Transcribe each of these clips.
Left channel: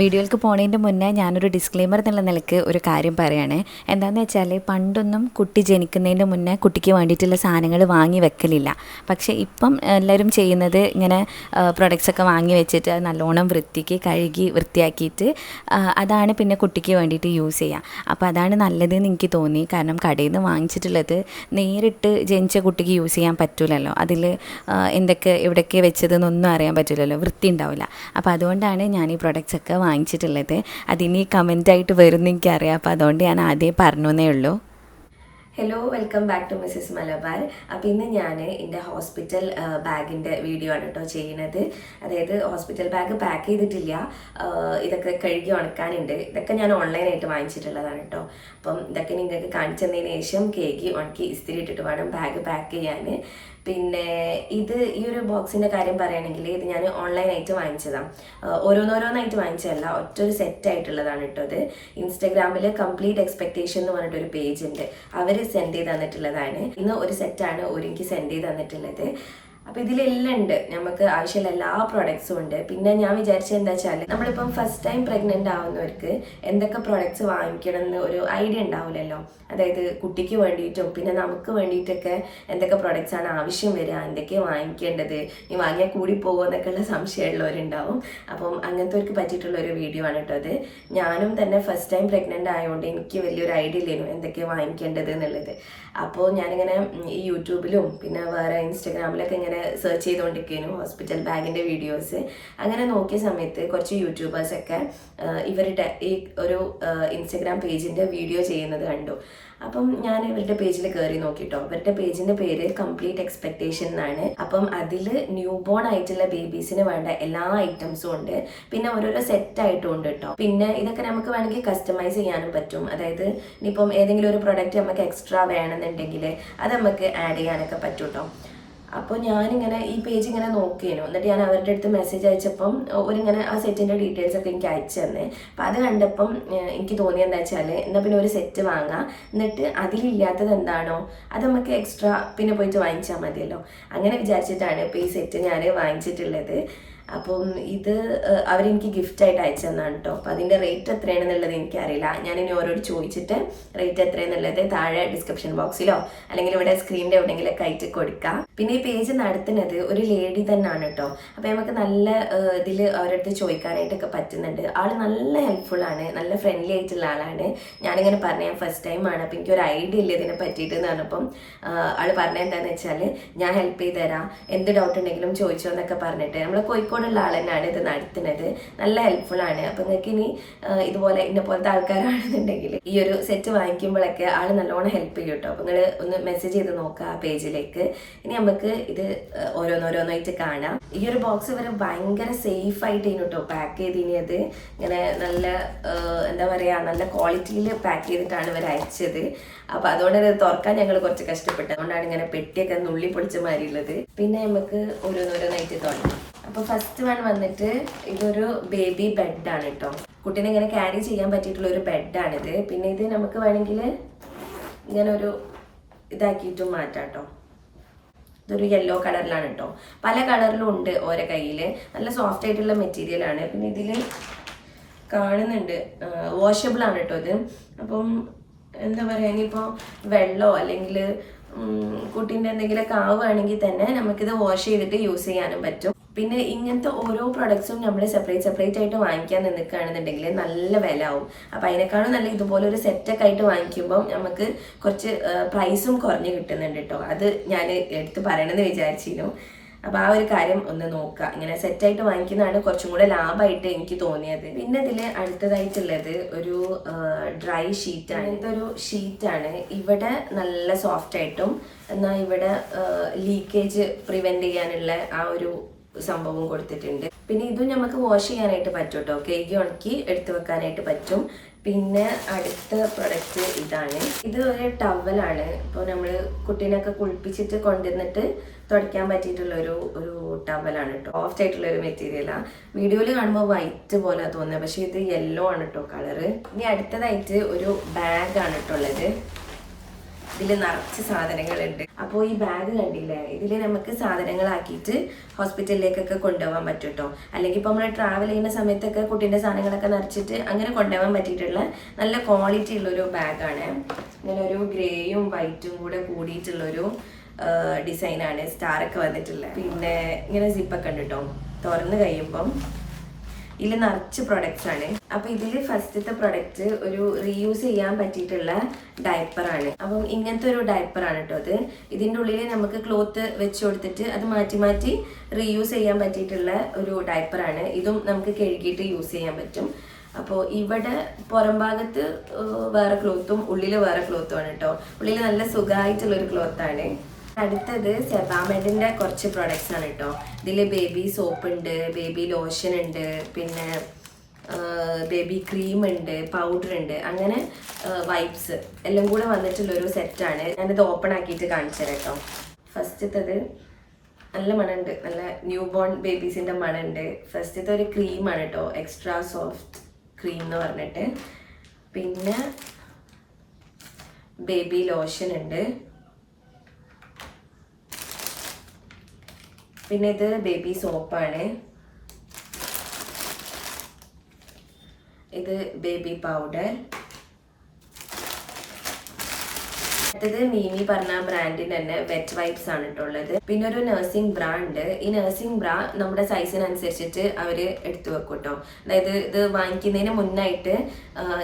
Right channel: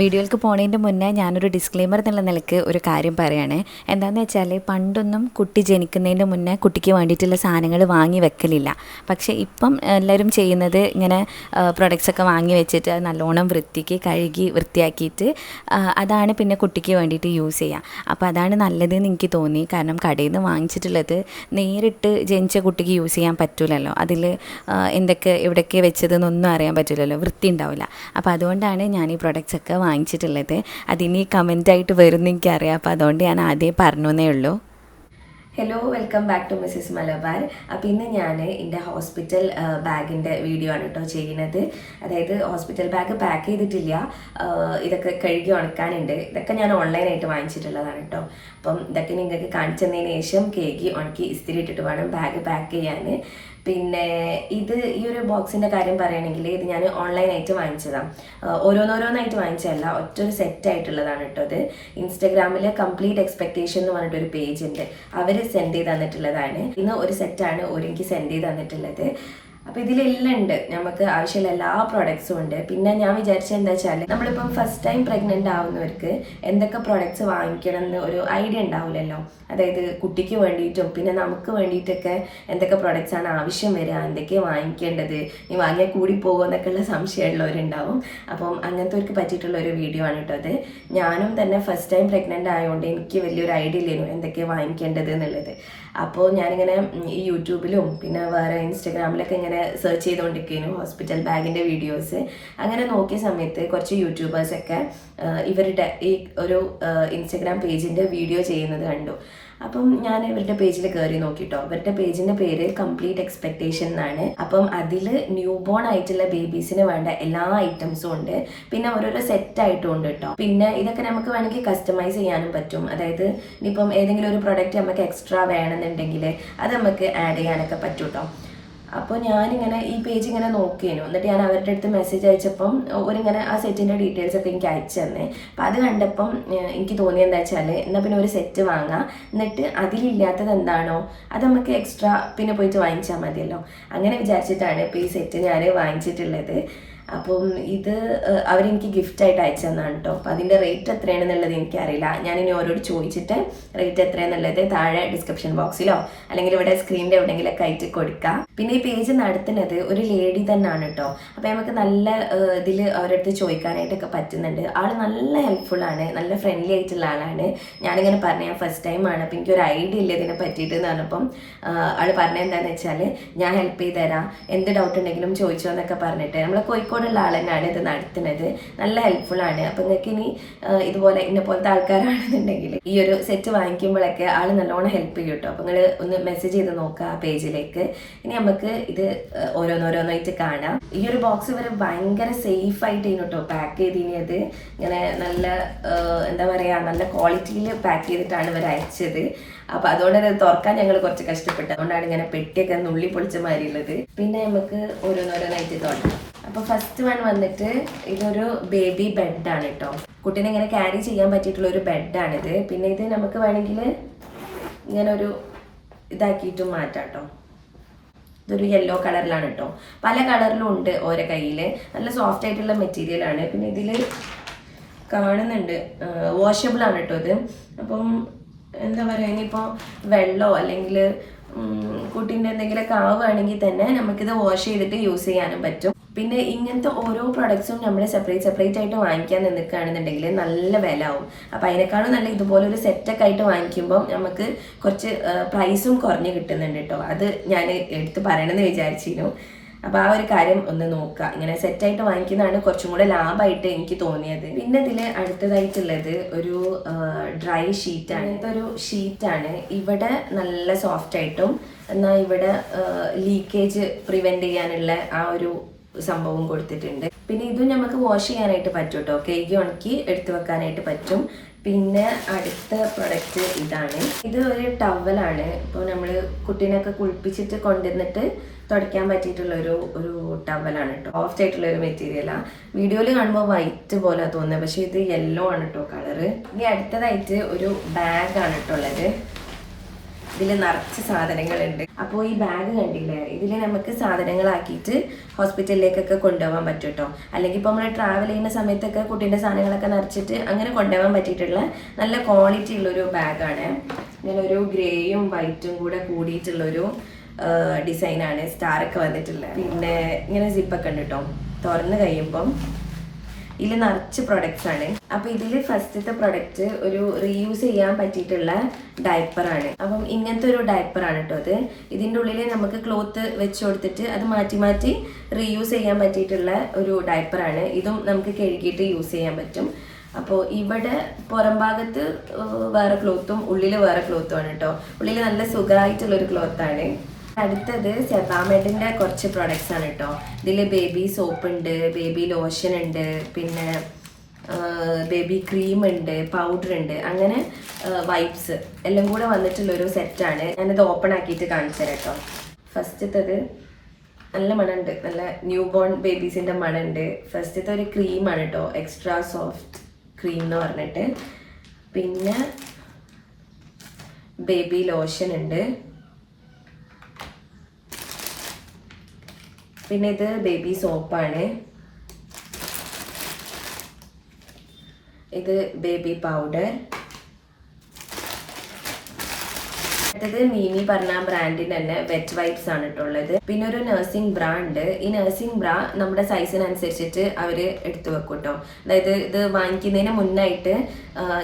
വീഡിയോയിലേക്ക് പോണതിൻ്റെ മുന്നേ ഞാനൊരു ഡിസ്ക്ലെയിമർ എന്നുള്ള നിലയ്ക്ക് ഒരു കാര്യം പറയുകയാണ്. എന്താണെന്ന് വെച്ചാൽ പണ്ടൊന്നും കുട്ടി ജനിക്കുന്നതിൻ്റെ മുന്നേ കുട്ടിക്ക് വേണ്ടിയിട്ടുള്ള സാധനങ്ങൾ വാങ്ങി വെക്കലില്ല. പക്ഷേ ഇപ്പം എല്ലാവരും ചെയ്യുന്നത് ഇങ്ങനെ പ്രൊഡക്ട്സൊക്കെ വാങ്ങി വെച്ചിട്ട് അത് നല്ലോണം വൃത്തിക്ക് കഴുകി വൃത്തിയാക്കിയിട്ട് അതാണ് പിന്നെ കുട്ടിക്ക് വേണ്ടിയിട്ട് യൂസ് ചെയ്യുക. അപ്പോൾ അതാണ് നല്ലതെന്ന് എനിക്ക് തോന്നി. കാരണം കടയിൽ നിന്ന് വാങ്ങിച്ചിട്ടുള്ളത് നേരിട്ട് ജനിച്ച കുട്ടിക്ക് യൂസ് ചെയ്യാൻ പറ്റില്ലല്ലോ. അതിൽ എന്തൊക്കെ എവിടെയൊക്കെ വെച്ചതെന്നൊന്നും അറിയാൻ പറ്റില്ലല്ലോ, വൃത്തി ഉണ്ടാവില്ല. അപ്പോൾ അതുകൊണ്ടാണ് ഞാൻ ഈ പ്രൊഡക്ട്സൊക്കെ വാങ്ങിച്ചിട്ടുള്ളത്. അതിനി കമൻറ്റായിട്ട് വരുമെന്ന് എനിക്കറിയാം. അപ്പോൾ അതുകൊണ്ട് ഞാൻ ആദ്യം പറഞ്ഞേ ഉള്ളൂ. Hello, welcome back to Mrs Malabar. അപ്പോൾ ഇന്ന് ഞാൻ എൻ്റെ ഹോസ്പിറ്റൽ ബാഗിൻ്റെ വീഡിയോ ആണ് കേട്ടോ ചെയ്യുന്നത്. അതായത് ഹോസ്പിറ്റൽ ബാഗ് പാക്ക് ചെയ്തിട്ടില്ല, ഇതൊക്കെ കഴുകി ഉണക്കാനുണ്ട്. ഇതൊക്കെ ഞാൻ ഓൺലൈനായിട്ട് വാങ്ങിച്ചിട്ടുള്ളതാണ് കേട്ടോ. അപ്പം ഇതൊക്കെ നിങ്ങൾക്ക് കാണിച്ചു തന്നതിന് ശേഷം കേക്ക് ഉണക്കി ഇസ്തിരി ഇട്ടിട്ട് വേണം ബാഗ് പാക്ക് ചെയ്യാൻ. പിന്നെ ഈ ഒരു ബോക്സിൻ്റെ കാര്യം പറയുകയാണെങ്കിൽ ഇത് ഞാൻ ഓൺലൈനായിട്ട് വാങ്ങിച്ചതാണ്. ഓരോന്നോരോന്നായിട്ട് വാങ്ങിച്ചതല്ല, ഒറ്റൊരു സെറ്റായിട്ടുള്ളതാണ് കേട്ടോ. ഇത് ഇൻസ്റ്റഗ്രാമിൽ കംപ്ലീറ്റ് എക്സ്പെക്ടേഷൻ എന്ന് പറഞ്ഞിട്ടൊരു പേജ് ഉണ്ട്, അവർ സെൻഡ് ചെയ്ത് തന്നിട്ടുള്ളതാണ്. ഇന്ന് ഒരു സെറ്റാണ് എനിക്ക് സെൻഡ് ചെയ്ത് തന്നിട്ടുള്ളത്. അപ്പോൾ ഇതിലെല്ലാം ഉണ്ട്, നമുക്ക് ആവശ്യമുള്ള എല്ലാ പ്രോഡക്ട്സും ഉണ്ട്. പിന്നെ ഞാൻ വിചാരിച്ചത് എന്താ വെച്ചാൽ നമ്മളിപ്പം ഫസ്റ്റ് ടൈം പ്രഗ്നൻ്റ് ആവുന്നവർക്ക് എന്തൊക്കെ പ്രോഡക്ട്സ് വാങ്ങിക്കണം എന്ന് ഒരു ഐഡിയ ഉണ്ടാവില്ലല്ലോ. അതായത് കുട്ടിക്ക് വേണ്ടിയിട്ടും പിന്നെ നമുക്ക് വേണ്ടിയിട്ടൊക്കെ എന്തൊക്കെ പ്രോഡക്ട്സ് ആണ് ആവശ്യം വരിക, എന്തൊക്കെയാണ് വാങ്ങിക്കേണ്ടത്, ഈ വാങ്ങിയാൽ കൂടി പോകുമോ എന്നൊക്കെയുള്ള സംശയമുള്ളവരുണ്ടാവും. അപ്പം അങ്ങനത്തെവർക്ക് പറ്റിയിട്ടുള്ള ഒരു വീഡിയോ ആണ് കേട്ടോ അത്. ഞാനും തന്നെ ഫസ്റ്റ് ടൈം പ്രഗ്നൻ്റ് ആയതുകൊണ്ട് എനിക്ക് വലിയൊരു ഐഡിയ ഇല്ലായിരുന്നു എന്തൊക്കെയാണ് വാങ്ങിക്കേണ്ടത് എന്നുള്ളത്. അപ്പോൾ ഞാനിങ്ങനെ ഈ യൂട്യൂബിലും പിന്നെ വേറെ ഇൻസ്റ്റഗ്രാമിലൊക്കെ ഇങ്ങനെ സെർച്ച് ചെയ്തുകൊണ്ടിരിക്കുന്നു ഹോസ്പിറ്റൽ ബാഗിൻ്റെ വീഡിയോസ്. അങ്ങനെ നോക്കിയ സമയത്ത് കുറച്ച് യൂട്യൂബേഴ്സൊക്കെ ഇവരുടെ ഈ ഒരു ഇൻസ്റ്റഗ്രാം പേജിൻ്റെ വീഡിയോ ചെയ്യുന്നത് കണ്ടു. അപ്പം ഞാൻ ഇവരുടെ പേജിൽ കയറി നോക്കിട്ടോ. ഇവരുടെ പേജിൻ്റെ പേര് കംപ്ലീറ്റ് എക്സ്പെക്ടേഷൻ എന്നാണ്. അപ്പം അതിൽ ന്യൂ ബോൺ ആയിട്ടുള്ള ബേബീസിന് വേണ്ട എല്ലാ ഐറ്റംസും ഉണ്ട്. പിന്നെ ഓരോരോ സെറ്റായിട്ടും ഉണ്ട് കേട്ടോ. പിന്നെ ഇതൊക്കെ നമുക്ക് വേണമെങ്കിൽ കസ്റ്റമൈസ് ചെയ്യാനും പറ്റും. അതായത് ഇനിയിപ്പം ഏതെങ്കിലും ഒരു പ്രൊഡക്റ്റ് നമുക്ക് എക്സ്ട്രാ വേണമെന്നുണ്ടെങ്കിൽ അത് നമുക്ക് ആഡ് ചെയ്യാനൊക്കെ പറ്റും കേട്ടോ. അപ്പോൾ ഞാനിങ്ങനെ ഈ പേജ് ഇങ്ങനെ നോക്കിയിരുന്നു. എന്നിട്ട് ഞാൻ അവരുടെ അടുത്ത് മെസ്സേജ് അയച്ചപ്പം ഒരിങ്ങനെ ആ സെറ്റിൻ്റെ ഡീറ്റെയിൽസ് ഒക്കെ എനിക്ക് അയച്ചു തന്നെ. അപ്പം അത് കണ്ടപ്പം എനിക്ക് തോന്നിയത് എന്താ വെച്ചാൽ എന്നാൽ പിന്നെ ഒരു സെറ്റ് വാങ്ങാം, എന്നിട്ട് അതിലില്ലാത്തത് എന്താണോ അത് നമുക്ക് എക്സ്ട്രാ പിന്നെ പോയിട്ട് വാങ്ങിച്ചാൽ മതിയല്ലോ. അങ്ങനെ വിചാരിച്ചിട്ടാണ് ഇപ്പോൾ ഈ സെറ്റ് ഞാൻ വാങ്ങിച്ചിട്ടുള്ളത്. അപ്പം ഇത് അവരെനിക്ക് ഗിഫ്റ്റായിട്ട് അയച്ചു തന്നാണ് കേട്ടോ. അപ്പം അതിൻ്റെ റേറ്റ് എത്രയാണെന്നുള്ളത് എനിക്കറിയില്ല. ഞാനിനി ഓരോട് ചോദിച്ചിട്ട് റേറ്റ് എത്രയാണെന്നുള്ളത് താഴെ ഡിസ്ക്രിപ്ഷൻ ബോക്സിലോ അല്ലെങ്കിൽ ഇവിടെ സ്ക്രീനിൻ്റെ എവിടെയെങ്കിലൊക്കെ ആയിട്ട് കൊടുക്കാം. പിന്നെ ഈ പേജ് നടത്തുന്നത് ഒരു ലേഡി തന്നെയാണ് കേട്ടോ. അപ്പം നമുക്ക് നല്ല ഇതിൽ അവരുടെ അടുത്ത് ചോദിക്കാനായിട്ടൊക്കെ പറ്റുന്നുണ്ട്. ആൾ നല്ല ഹെൽപ്ഫുള്ളാണ്, നല്ല ഫ്രണ്ട്ലി ആയിട്ടുള്ള ആളാണ്. ഞാനിങ്ങനെ പറഞ്ഞ ഞാൻ ഫസ്റ്റ് ടൈമാണ്, അപ്പം എനിക്കൊരു ഐഡിയ ഇല്ല ഇതിനെ പറ്റിയിട്ട് എന്ന് പറഞ്ഞപ്പം ആൾ പറഞ്ഞത് എന്താണെന്ന് വെച്ചാൽ ഞാൻ ഹെൽപ്പ് ചെയ്ത് തരാം, എന്ത് ഡൗട്ട് ഉണ്ടെങ്കിലും ചോദിച്ചോ എന്നൊക്കെ പറഞ്ഞിട്ട് നമ്മൾ കോഴിക്കോടുള്ള ആൾ തന്നെയാണ് ഇത് നടത്തുന്നത്. നല്ല ഹെൽപ്ഫുള്ളാണ്. അപ്പം നിങ്ങൾക്ക് ഇനി ഇതുപോലെ ഇന്ന പോലത്തെ ആൾക്കാരാണെന്നുണ്ടെങ്കിൽ ഈ ഒരു സെറ്റ് വാങ്ങിക്കുമ്പോഴൊക്കെ ആൾ നല്ലോണം ഹെൽപ്പ് ചെയ്യും കേട്ടോ. അപ്പം നിങ്ങൾ ഒന്ന് മെസ്സേജ് ചെയ്ത് നോക്കുക ആ പേജിലേക്ക്. ഇനി നമുക്ക് ഇത് ഓരോന്നോരോന്നായിട്ട് കാണാം. ഈ ഒരു ബോക്സ് ഇവർ ഭയങ്കര സേഫ് ആയിട്ട് കേട്ടോ പാക്ക് ചെയ്തിനത്. ഇങ്ങനെ നല്ല എന്താ പറയുക, നല്ല ക്വാളിറ്റിയിൽ പാക്ക് ചെയ്തിട്ടാണ് ഇവർ അയച്ചത്. അപ്പം അതുകൊണ്ട് തന്നെ തുറക്കാൻ ഞങ്ങൾ കുറച്ച് കഷ്ടപ്പെട്ടു. അതുകൊണ്ടാണ് ഇങ്ങനെ പെട്ടിയൊക്കെ നുള്ളി പൊളിച്ച മാതിരിയുള്ളത്. പിന്നെ നമുക്ക് ഓരോന്നോരോന്നായിട്ട് തുടങ്ങാം. അപ്പോൾ ഫസ്റ്റ് വൺ വന്നിട്ട് ഇതൊരു ബേബി ബെഡാണ് കേട്ടോ. കുട്ടീനെ ഇങ്ങനെ ക്യാരി ചെയ്യാൻ പറ്റിയിട്ടുള്ള ഒരു ബെഡാണിത്. പിന്നെ ഇത് നമുക്ക് വേണമെങ്കിൽ ഇങ്ങനെ ഒരു ഇതാക്കിയിട്ടും മാറ്റാം കേട്ടോ. ഇതൊരു യെല്ലോ കളറിലാണ് കേട്ടോ. പല കളറിലും ഉണ്ട് ഓരോ കയ്യിൽ. നല്ല സോഫ്റ്റ് ആയിട്ടുള്ള മെറ്റീരിയലാണ്. പിന്നെ ഇതിൽ കാണുന്നുണ്ട് വാഷബിൾ ആണ് കേട്ടോ ഇത്. അപ്പം എന്താ പറയുക, ഇനിയിപ്പോൾ വെള്ളമോ അല്ലെങ്കിൽ കുട്ടീൻ്റെ എന്തെങ്കിലുമൊക്കെ ആവുകയാണെങ്കിൽ തന്നെ നമുക്കിത് വാഷ് ചെയ്തിട്ട് യൂസ് ചെയ്യാനും പറ്റും. പിന്നെ ഇങ്ങനത്തെ ഓരോ പ്രൊഡക്ട്സും നമ്മൾ സെപ്പറേറ്റ് ആയിട്ട് വാങ്ങിക്കാൻ നിൽക്കുകയാണെന്നുണ്ടെങ്കിൽ നല്ല വില ആവും. അപ്പോൾ അതിനേക്കാളും നല്ല ഇതുപോലെ ഒരു സെറ്റൊക്കെ ആയിട്ട് വാങ്ങിക്കുമ്പോൾ നമുക്ക് കുറച്ച് പ്രൈസും കുറഞ്ഞ് കിട്ടുന്നുണ്ട് കേട്ടോ. അത് ഞാൻ എടുത്ത് പറയണമെന്ന് വിചാരിച്ചിരുന്നു. അപ്പോൾ ആ ഒരു കാര്യം ഒന്ന് നോക്കുക. ഇങ്ങനെ സെറ്റായിട്ട് വാങ്ങിക്കുന്നതാണ് കുറച്ചും കൂടെ ലാഭമായിട്ട് എനിക്ക് തോന്നിയത്. പിന്നെ ഇതിൽ അടുത്തതായിട്ടുള്ളത് ഒരു ഡ്രൈ ഷീറ്റാണ്. ഇതൊരു ഷീറ്റാണ്. ഇവിടെ നല്ല സോഫ്റ്റ് ആയിട്ടും എന്നാൽ ഇവിടെ ലീക്കേജ് പ്രിവെൻറ്റ് ചെയ്യാനുള്ള ആ ഒരു സംഭവം കൊടുത്തിട്ടുണ്ട്. പിന്നെ ഇതും നമുക്ക് വാഷ് ചെയ്യാനായിട്ട് പറ്റും കേട്ടോ. കേക്ക് ഉണക്കി എടുത്തു വെക്കാനായിട്ട് പറ്റും. പിന്നെ അടുത്ത പ്രൊഡക്റ്റ് ഇതാണ്. ഇത് ഒരു ടവലാണ്. ഇപ്പോൾ നമ്മൾ കുട്ടീനൊക്കെ കുളിപ്പിച്ചിട്ട് കൊണ്ടുവന്നിട്ട് തുടയ്ക്കാൻ പറ്റിയിട്ടുള്ള ഒരു ടവലാണ് കേട്ടോ. സോഫ്റ്റ് ആയിട്ടുള്ള ഒരു മെറ്റീരിയലാണ്. വീഡിയോയിൽ കാണുമ്പോൾ വൈറ്റ് പോലെ തോന്നുന്നത്, പക്ഷേ ഇത് യെല്ലോ ആണ് കേട്ടോ കളറ്. ഇനി അടുത്തതായിട്ട് ഒരു ബാഗാണ് കേട്ടോ ഉള്ളത്. ഇതിൽ നിറച്ച് സാധനങ്ങളുണ്ട്. അപ്പോൾ ഈ ബാഗ് കണ്ടില്ലേ, ഇതിൽ നമുക്ക് സാധനങ്ങളാക്കിയിട്ട് ഹോസ്പിറ്റലിലേക്കൊക്കെ കൊണ്ടുപോകാൻ പറ്റും കേട്ടോ. അല്ലെങ്കിൽ ഇപ്പോൾ നമ്മൾ ട്രാവൽ ചെയ്യുന്ന സമയത്തൊക്കെ കുട്ടീൻ്റെ സാധനങ്ങളൊക്കെ നിറച്ചിട്ട് അങ്ങനെ കൊണ്ടുപോകാൻ പറ്റിയിട്ടുള്ള നല്ല ക്വാളിറ്റി ഉള്ളൊരു ബാഗാണ്. ഇങ്ങനെ ഒരു ഗ്രേയും വൈറ്റും കൂടെ കൂടിയിട്ടുള്ളൊരു ഡിസൈനാണ്, സ്റ്റാറൊക്കെ വന്നിട്ടുള്ളത്. പിന്നെ ഇങ്ങനെ സിപ്പൊക്കെ ഉണ്ട് കേട്ടോ. തുറന്ന് കഴിയുമ്പം ഇതിൽ നിറച്ച് പ്രൊഡക്ട്സ് ആണ്. അപ്പൊ ഇതിൽ ഫസ്റ്റത്തെ പ്രൊഡക്റ്റ് ഒരു റീയൂസ് ചെയ്യാൻ പറ്റിയിട്ടുള്ള ഡയപ്പറാണ്. അപ്പം ഇങ്ങനത്തെ ഒരു ഡയപ്പറാണ് കേട്ടോ അത്. ഇതിൻ്റെ ഉള്ളിൽ നമുക്ക് ക്ലോത്ത് വെച്ച് കൊടുത്തിട്ട് അത് മാറ്റി മാറ്റി റീയൂസ് ചെയ്യാൻ പറ്റിയിട്ടുള്ള ഒരു ഡയപ്പറാണ്. ഇതും നമുക്ക് കഴുകിയിട്ട് യൂസ് ചെയ്യാൻ പറ്റും. അപ്പോൾ ഇവിടെ പുറം ഭാഗത്ത് വേറെ ക്ലോത്തും ഉള്ളിൽ വേറെ ക്ലോത്തും ആണ് കേട്ടോ. ഉള്ളിൽ നല്ല സുഖമായിട്ടുള്ളൊരു ക്ലോത്താണ്. അടുത്തത് സെബാമെഡിൻ്റെ കുറച്ച് പ്രൊഡക്ട്സ് ആണ് കേട്ടോ. ഇതിൽ ബേബി സോപ്പ് ഉണ്ട്, ബേബി ലോഷൻ ഉണ്ട്, പിന്നെ ബേബി ക്രീം ഉണ്ട്, പൗഡർ ഉണ്ട്, അങ്ങനെ വൈപ്സ് എല്ലാം കൂടെ വന്നിട്ടുള്ളൊരു സെറ്റാണ്. ഞാനിത് ഓപ്പൺ ആക്കിയിട്ട് കാണിച്ചു തരാം കേട്ടോ. ഫസ്റ്റത്തത് നല്ല മണമുണ്ട്, നല്ല ന്യൂ ബോൺ ബേബീസിൻ്റെ മണമുണ്ട്. ഫസ്റ്റത്തെ ഒരു ക്രീമാണ് കേട്ടോ, എക്സ്ട്രാ സോഫ്റ്റ് ക്രീം എന്ന് പറഞ്ഞിട്ട്. പിന്നെ ബേബി ലോഷൻ ഉണ്ട്. പിന്നെ ഇത് ബേബി സോപ്പാണ്. ഇത് ബേബി പൗഡർ. അടുത്തത് മീമി പറഞ്ഞ ബ്രാൻഡിന്റെ തന്നെ വെറ്റ് വൈപ്സ് ആണ് ഇട്ടുള്ളത്. പിന്നെ ഒരു നഴ്സിംഗ് ബ്രാ ഉണ്ട്. ഈ നഴ്സിംഗ് ബ്രാ നമ്മുടെ സൈസിനനുസരിച്ചിട്ട് അവര് എടുത്തു വെക്കും കേട്ടോ. അതായത് ഇത് വാങ്ങിക്കുന്നതിന് മുന്നായിട്ട്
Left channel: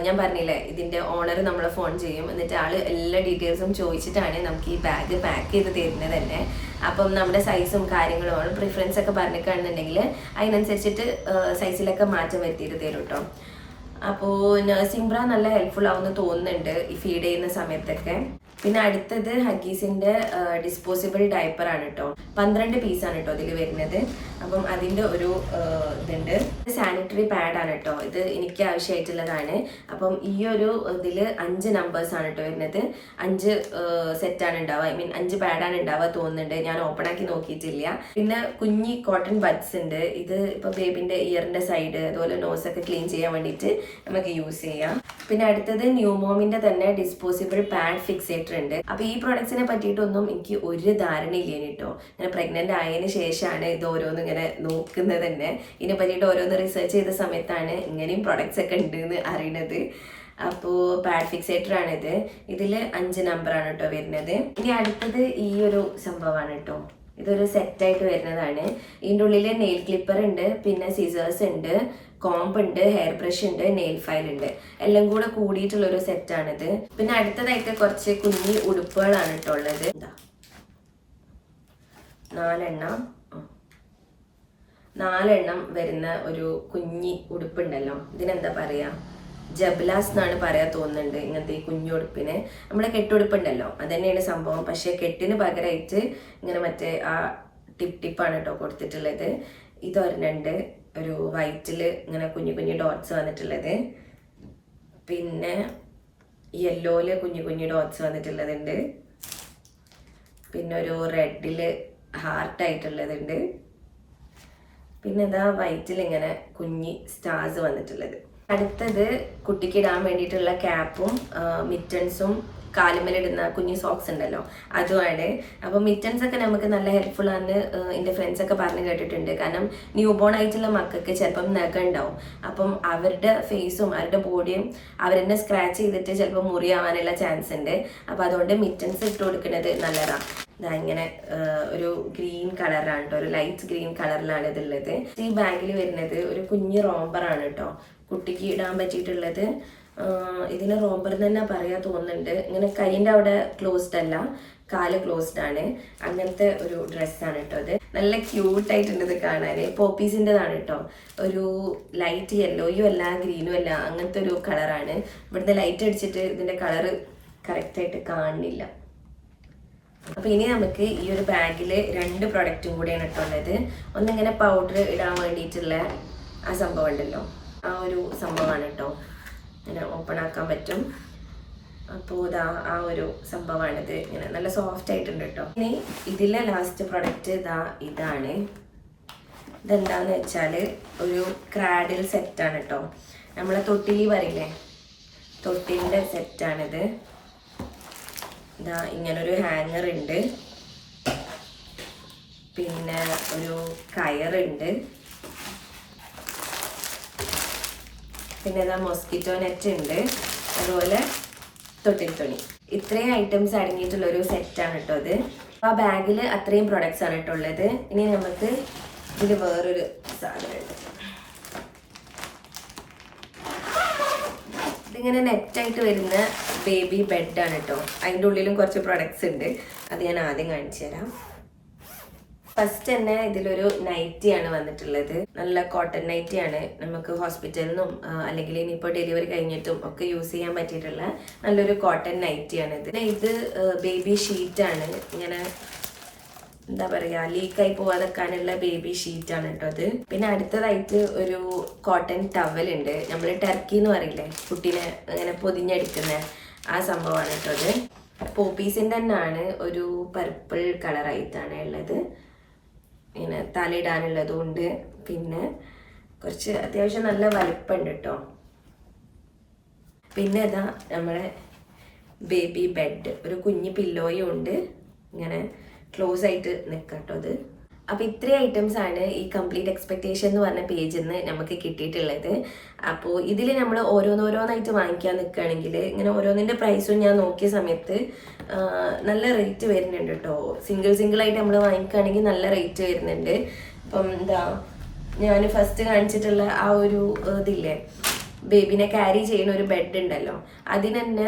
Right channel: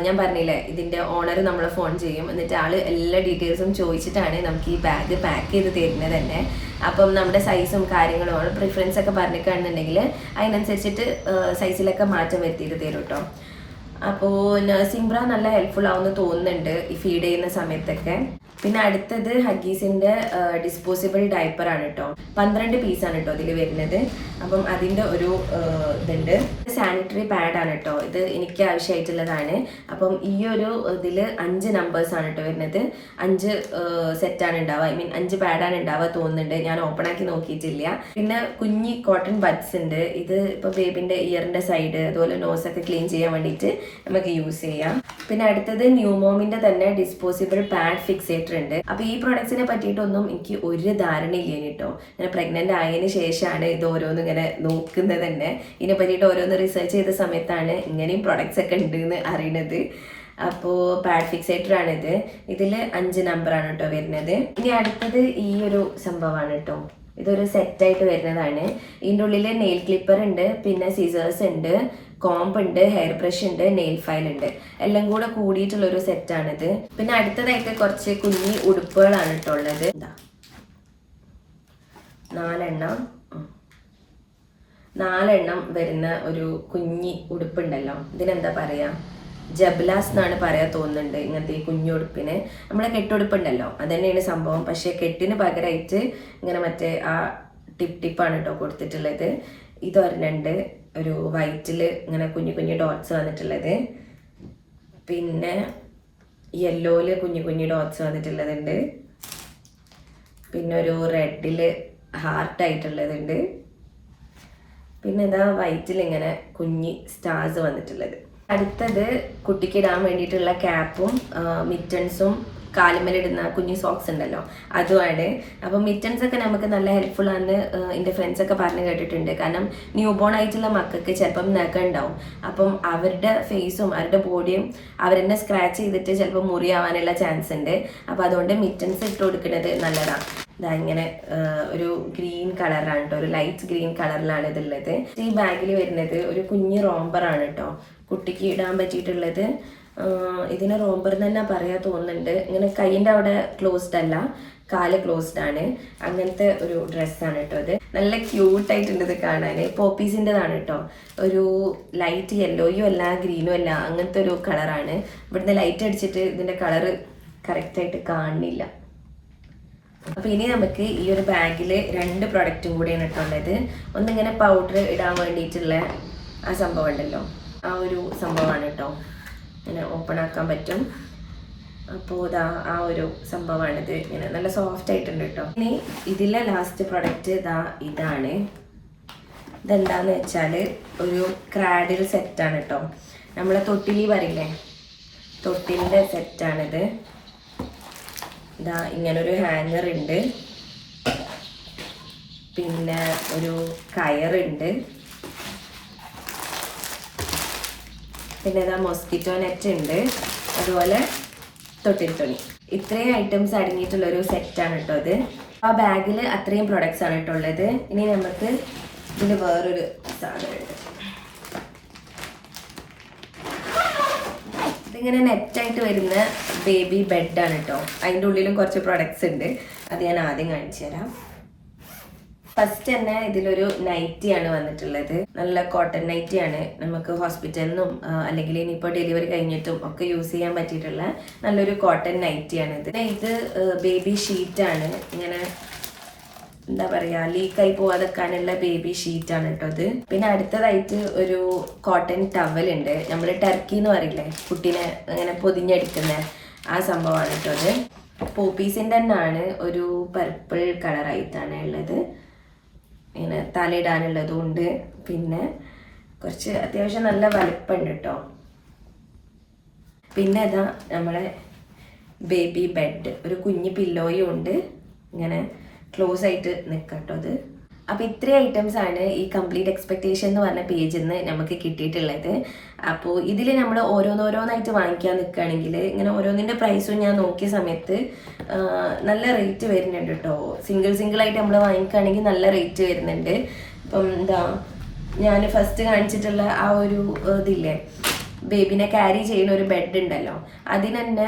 ഞാൻ പറഞ്ഞില്ലേ, ഇതിന്റെ ഓണർ നമ്മളെ ഫോൺ ചെയ്യും. എന്നിട്ട് ആള് എല്ലാ ഡീറ്റെയിൽസും ചോദിച്ചിട്ടാണ് നമുക്ക് ഈ ബാഗ് പാക്ക് ചെയ്ത് തരുന്നത് തന്നെ. അപ്പം നമ്മുടെ സൈസും കാര്യങ്ങളും ആൾ പ്രിഫറൻസ് ഒക്കെ പറഞ്ഞിട്ടാണെന്നുണ്ടെങ്കിൽ അതിനനുസരിച്ചിട്ട് സൈസിലൊക്കെ മാറ്റം വരുത്തിയിട്ട് തരും കേട്ടോ. അപ്പോൾ നഴ്സിംഗ് ബ്രാ നല്ല ഹെൽപ്ഫുൾ ആവുമെന്ന് തോന്നുന്നുണ്ട് ഈ ഫീഡ് ചെയ്യുന്ന സമയത്തൊക്കെ. പിന്നെ അടുത്തത് ഹഗീസിന്റെ ഡിസ്പോസിബിൾ ഡയപ്പറാണ് കേട്ടോ. 12 പീസാണ് കേട്ടോ ഇതിൽ വരുന്നത്. അപ്പം അതിൻ്റെ ഒരു ഇതുണ്ട്. സാനിറ്ററി പാഡാണ് കേട്ടോ. ഇത് എനിക്ക് ആവശ്യമായിട്ടുള്ളതാണ്. അപ്പം ഈ ഒരു ഇതിൽ 5 നമ്പേഴ്സാണ് കേട്ടോ വരുന്നത്. 5 സെറ്റാണ് ഉണ്ടാവുക. ഐ മീൻ 5 പാഡാണ് ഉണ്ടാവുക തോന്നുന്നുണ്ട്. ഞാൻ ഓപ്പൺ ആക്കി നോക്കിയിട്ടില്ല. പിന്നെ കുഞ്ഞി കോട്ടൺ ബഡ്സ് ഉണ്ട്. ഇത് ഇപ്പോൾ ബേബിൻ്റെ ഇയറിൻ്റെ സൈഡ് അതുപോലെ നോസൊക്കെ ക്ലീൻ ചെയ്യാൻ വേണ്ടിയിട്ട് നമുക്ക് യൂസ് ചെയ്യാം. പിന്നെ അടുത്തത് ന്യൂമോമിൻ്റെ തന്നെ ഡിസ്പോസിബിൾ പാഡ് ഫിക്സേറ്റർ ഉണ്ട്. അപ്പൊ ഈ പ്രൊഡക്ട്സിനെ പറ്റിയിട്ടൊന്നും എനിക്ക് ഒരു ധാരണയില്ല കേട്ടോ. ഞാൻ പ്രഗ്നന്റ് ആയതിനു ശേഷമാണ് ഇത് ഓരോന്നും ഇങ്ങനെ നോക്കുന്നത് തന്നെ. ഇതിനെ പറ്റിയിട്ട് ഓരോന്ന് റിസർച്ച് ചെയ്ത സമയത്താണ് ഇങ്ങനെയും പ്രൊഡക്ട്സ് ഒക്കെ ഉണ്ട് എന്ന് അറിയണത്. അപ്പോൾ പാഡ് ഫിക്സേറ്റർ ആണിത്. ഇതിൽ 5 നമ്പറാണ് കേട്ടോ വരുന്നത്. ഇനി അടുത്തത് ഈ ഒരു സംഭവമാണ് കേട്ടോ. ഇതൊരു സെറ്റായിട്ട് വരുന്നതാണ്. ഇതിൻ്റെ ഉള്ളിൽ നെയിൽ ക്ലിപ്പർ ഉണ്ട്, പിന്നെ സിസേഴ്സ് ഉണ്ട്, കോംബ് ഉണ്ട്, ഹെയർ ബ്രഷ് ഉണ്ട്, നെയിൽ ഫയൽ ഉണ്ട്. എല്ലാം കൂടെ കൂടിയിട്ടുള്ളൊരു സെറ്റാണിത്. പിന്നെ അടുത്തതായിട്ട് കുറച്ച് കുഞ്ഞി ഉടുപ്പുകളാണ് കേട്ടോ ഉള്ളത്. 4 എണ്ണം വരുന്ന ഒരു കുഞ്ഞി ഉടുപ്പുണ്ടല്ലോ. ഇതിനെന്താ പറയാ, ജബ്ലാസ് എന്നാണ് പറയാ തോന്നുന്നുണ്ട്. ഇങ്ങനത്തെ ഈ കുഞ്ഞുടുപ്പിന് നമ്മളെ കെട്ടുടുപ്പുണ്ടല്ലോ അത് തന്നെയാണ് സംഭവം. പക്ഷെ കെട്ടിന് പകരമായിട്ട് ഇങ്ങനെ മറ്റേ ആ ടിപ്പാണ് കേട്ടോ കൊടുത്തിട്ടുള്ളത്. ഇതൊരെണ്ണുണ്ട്, ഒരു വൈറ്റിൽ ഇങ്ങനെ കുഞ്ഞു കുഞ്ഞു ഡോട്ട്സ് വന്നിട്ടുള്ളത്. പിന്നെ യെല്ലോയില് കുഞ്ഞു കുഞ്ഞു ഡോട്ട്സ് വന്നിട്ടുള്ളതുണ്ട്. പിന്നെ ഒരു റെഡിൽ ഹാർട്ടായിട്ടുള്ളതുണ്ട്. പിന്നെ ഇതാ വൈറ്റിൽ ഇങ്ങനെ കുഞ്ഞി സ്റ്റാർസ് വന്നിട്ടുള്ളത്. അടുത്തത് കുട്ടിക്ക് ഇടാൻ വേണ്ടിയിട്ടുള്ള ക്യാപ്പും മിറ്റൻസും കാലുമേലിടുന്ന കുഞ്ഞു സോക്സ് ഉണ്ടല്ലോ അതുമാണ്. അപ്പം മിറ്റൻസ് ഒക്കെ നമുക്ക് നല്ല ഹെൽപ്ഫുൾ ആണ് എൻ്റെ ഫ്രണ്ട്സ് ഒക്കെ പറഞ്ഞു കേട്ടിട്ടുണ്ട്. കാരണം ന്യൂ ബോൺ ആയിട്ടുള്ള മക്കൾക്ക് ചിലപ്പം നഖം ഉണ്ടാവും. അപ്പം അവരുടെ ഫേസും അവരുടെ ബോഡിയും അവരെന്നെ സ്ക്രാച്ച് ചെയ്തിട്ട് ചിലപ്പോൾ മുറിയാവാനുള്ള ചാൻസ് ഉണ്ട്. അപ്പം അതുകൊണ്ട് മിറ്റൻസ് ഇട്ട് കൊടുക്കുന്നത് നല്ലതാണ്. ഇതാ ഇങ്ങനെ ഒരു ഗ്രീൻ കളറാണ് കേട്ടോ, ഒരു ലൈറ്റ് ഗ്രീൻ കളറിലാണ് ഇതുള്ളത്. ഈ ബാഗിൽ വരുന്നത് ഒരു കുഞ്ഞ് റോംബറാണ് കേട്ടോ, കുട്ടിക്ക് ഇടാൻ പറ്റിയിട്ടുള്ളത്. ഇതിന് റോംബർ തന്നെ പറയാ തോന്നുന്നുണ്ട്. ഇങ്ങനെ കൈയിൻ്റെ അവിടെ ക്ലോസ്ഡ് അല്ല, കാല് ക്ലോസ്ഡ് ആണ്. അങ്ങനത്തെ ഒരു ഡ്രസ്സാണ് കേട്ടോ ഇത്. നല്ല ക്യൂട്ടായിട്ടുണ്ട് ഇത് കാണാൻ. പോപ്പീസിൻ്റെതാണ് കേട്ടോ. ഒരു ലൈറ്റ് യെല്ലോയും അല്ല ഗ്രീനും അല്ല, അങ്ങനത്തെ ഒരു കളറാണ്. ഇവിടുന്ന് ലൈറ്റ് അടിച്ചിട്ട് ഇതിൻ്റെ കളറ് കറക്റ്റായിട്ട് കാണുന്നില്ല. അപ്പോൾ ഇനി നമുക്ക് ഈ ഒരു ബാഗിൽ 2 പ്രൊഡക്റ്റും കൂടിയാണ് ഇട്ടുള്ളത്. ഒന്നിങ്ങനെ പൗഡർ ഇടാൻ വേണ്ടിയിട്ടുള്ള ആ സംഭവം ഉണ്ടല്ലോ, ആ ഒരു സംഭവമാണ് കേട്ടോ. ഇങ്ങനെ ഓപ്പൺ ആക്കാൻ പറ്റും. അപ്പോൾ ഇതാ ആ ഒരു സംഭവമാണിത്. ഇങ്ങനെ നല്ല സോഫ്റ്റ് ആയിട്ടുണ്ട് കേട്ടോ. ഇനി ഇതിലെ ലാസ്റ്റ് പ്രൊഡക്റ്റ് ഇതാണ്. ഇതെന്താന്ന് വെച്ചാൽ ഒരു ക്രാഡിൽ സെറ്റാണ് കേട്ടോ. നമ്മളെ തൊട്ടിലി പറയില്ലേ, തൊട്ടിലിൻ്റെ സെറ്റാണിത്. ഇതാ ഇങ്ങനൊരു ഹാങ്ങർ ഉണ്ട്, പിന്നെ ഒരു കയറുണ്ട്, പിന്നെ ഇതാ മോസ്കിറ്റോ നെറ്റ് ഉണ്ട്, അതുപോലെ തൊട്ടിൽ തുണി. ഇത്രയും ഐറ്റംസ് അടങ്ങിയിട്ടുള്ളൊരു സെറ്റാണ് കേട്ടോ ഇത്. ആ ബാഗിൽ അത്രയും പ്രൊഡക്ട്സ് ആണ് കേട്ടോ ഉള്ളത്. ഇനി നമുക്ക് ഇതിൽ വേറൊരു സാധനമുണ്ട്. ഇതിങ്ങനെ നെറ്റായിട്ട് വരുന്ന ബേബി ബെഡാണ് കേട്ടോ. അതിൻ്റെ ഉള്ളിലും കുറച്ച് പ്രൊഡക്ട്സ് ഉണ്ട്, അത് ഞാൻ ആദ്യം കാണിച്ചു തരാം. ഫസ്റ്റ് തന്നെ ഇതിലൊരു നൈറ്റിയാണ് വന്നിട്ടുള്ളത്. നല്ല കോട്ടൺ നൈറ്റിയാണ്. നമുക്ക് ഹോസ്പിറ്റലിൽ നിന്നും അല്ലെങ്കിൽ ഇനിയിപ്പോൾ ഡെലിവറി കഴിഞ്ഞിട്ടും ഒക്കെ യൂസ് ചെയ്യാൻ പറ്റിയിട്ടുള്ള നല്ലൊരു കോട്ടൺ നൈറ്റിയാണ് ഇത്. ഇത് ബേബി ഷീറ്റാണ്. ഇങ്ങനെ എന്താ പറയുക, ലീക്കായി പോവാതെക്കാനുള്ള ബേബി ഷീറ്റാണ് കേട്ടോ ഇത്. പിന്നെ അടുത്തതായിട്ട് ഒരു കോട്ടൺ ടവലുണ്ട്. നമ്മൾ ടർക്കി എന്ന് പറയില്ലേ, കുട്ടീനെ ഇങ്ങനെ പൊതിഞ്ഞെടുക്കുന്ന ആ സംഭവമാണ് കേട്ടോ ഇത്. പോപ്പീസിൻ്റെ തന്നെയാണ്, ഒരു പർപ്പിൾ കളറായിട്ടാണ് ഉള്ളത്. ഇങ്ങനെ തലയിടാനുള്ളതും ഉണ്ട്, പിന്നെ കുറച്ച് അത്യാവശ്യം നല്ല വലിപ്പമുണ്ട് കേട്ടോ. പിന്നെ ഇതാ നമ്മളെ ബേബി ബെഡ്, ഒരു കുഞ്ഞ് പില്ലോയും ഉണ്ട്, ഇങ്ങനെ ക്ലോസ് ആയിട്ട് നിൽക്കട്ടോ അത്. അപ്പോൾ ഇത്രയും ഐറ്റംസ് ആണ് ഈ കംപ്ലീറ്റ് എക്സ്പെക്റ്റേഷൻ എന്ന് പറഞ്ഞ പേജിൽ നിന്ന് നമുക്ക് കിട്ടിയിട്ടുള്ളത്. അപ്പോൾ ഇതിൽ നമ്മൾ ഓരോന്നോരോന്നായിട്ട് വാങ്ങിക്കാൻ നിൽക്കുകയാണെങ്കിൽ ഇങ്ങനെ ഓരോന്നിൻ്റെ പ്രൈസും ഞാൻ നോക്കിയ സമയത്ത് നല്ല റേറ്റ് വരുന്നുണ്ട് കേട്ടോ. സിംഗിളായിട്ട് നമ്മൾ വാങ്ങിക്കുകയാണെങ്കിൽ നല്ല റേറ്റ് വരുന്നുണ്ട്. ഇപ്പം എന്താ ഞാൻ ഫസ്റ്റ് കാണിച്ചിട്ടുള്ള ആ ഒരു ഇതില്ലേ, ബേബിനെ ക്യാരി ചെയ്യുന്ന ഒരു ബെഡ് ഉണ്ടല്ലോ, അതിന് തന്നെ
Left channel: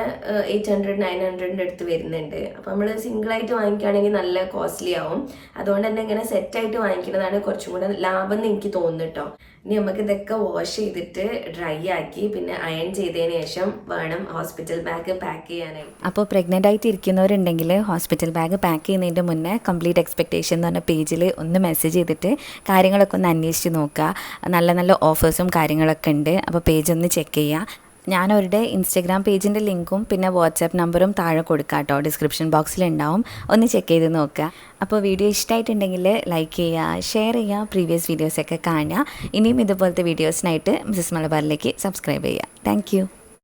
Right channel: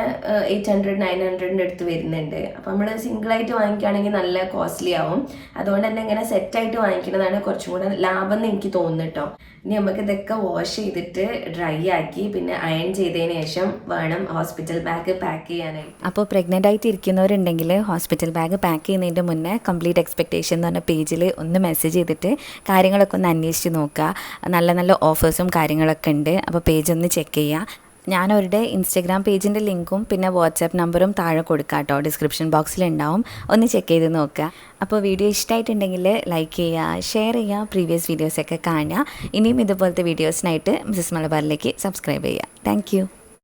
800-900 അടുത്ത് വരുന്നുണ്ട്. അപ്പം നമ്മൾ സിംഗിളായിട്ട് വാങ്ങിക്കുകയാണെങ്കിൽ നല്ല കോസ്റ്റ്ലി ആവും. അതുകൊണ്ട് തന്നെ ഇങ്ങനെ സെറ്റായിട്ട് വാങ്ങിക്കുന്നതാണ് കുറച്ചും കൂടെ ലാഭം എന്ന് എനിക്ക് തോന്നുന്നു കേട്ടോ. ഇനി നമുക്ക് ഇതൊക്കെ വാഷ് ചെയ്തിട്ട് ഡ്രൈ ആക്കി പിന്നെ അയൺ ചെയ്തതിന് ശേഷം വേണം ഹോസ്പിറ്റൽ ബാഗ് പാക്ക് ചെയ്യാനായിട്ട്. അപ്പോൾ പ്രഗ്നൻ്റ് ആയിട്ട് ഇരിക്കുന്നവരുണ്ടെങ്കിൽ ഹോസ്പിറ്റൽ ബാഗ് പാക്ക് ചെയ്യുന്നതിൻ്റെ മുന്നേ കംപ്ലീറ്റ് എക്സ്പെക്റ്റേഷൻ എന്ന് പറഞ്ഞ പേജിൽ ഒന്ന് മെസ്സേജ് ചെയ്തിട്ട് കാര്യങ്ങളൊക്കെ ഒന്ന് അന്വേഷിച്ച് നോക്കുക. നല്ല നല്ല ഓഫേഴ്സും കാര്യങ്ങളൊക്കെ ഉണ്ട്. അപ്പോൾ പേജ് ഒന്ന് ചെക്ക് ചെയ്യുക. ഞാനവരുടെ ഇൻസ്റ്റഗ്രാം പേജിൻ്റെ ലിങ്കും പിന്നെ വാട്സാപ്പ് നമ്പറും താഴെ കൊടുക്കാം കേട്ടോ, ഡിസ്ക്രിപ്ഷൻ ബോക്സിലുണ്ടാവും. ഒന്ന് ചെക്ക് ചെയ്ത് നോക്കുക. അപ്പോൾ വീഡിയോ ഇഷ്ടമായിട്ടുണ്ടെങ്കിൽ ലൈക്ക് ചെയ്യുക, ഷെയർ ചെയ്യുക, പ്രീവിയസ് വീഡിയോസൊക്കെ കാണുക. ഇനിയും ഇതുപോലത്തെ വീഡിയോസിനായിട്ട് മിസ്സസ് മലബാറിലേക്ക് സബ്സ്ക്രൈബ് ചെയ്യുക. താങ്ക്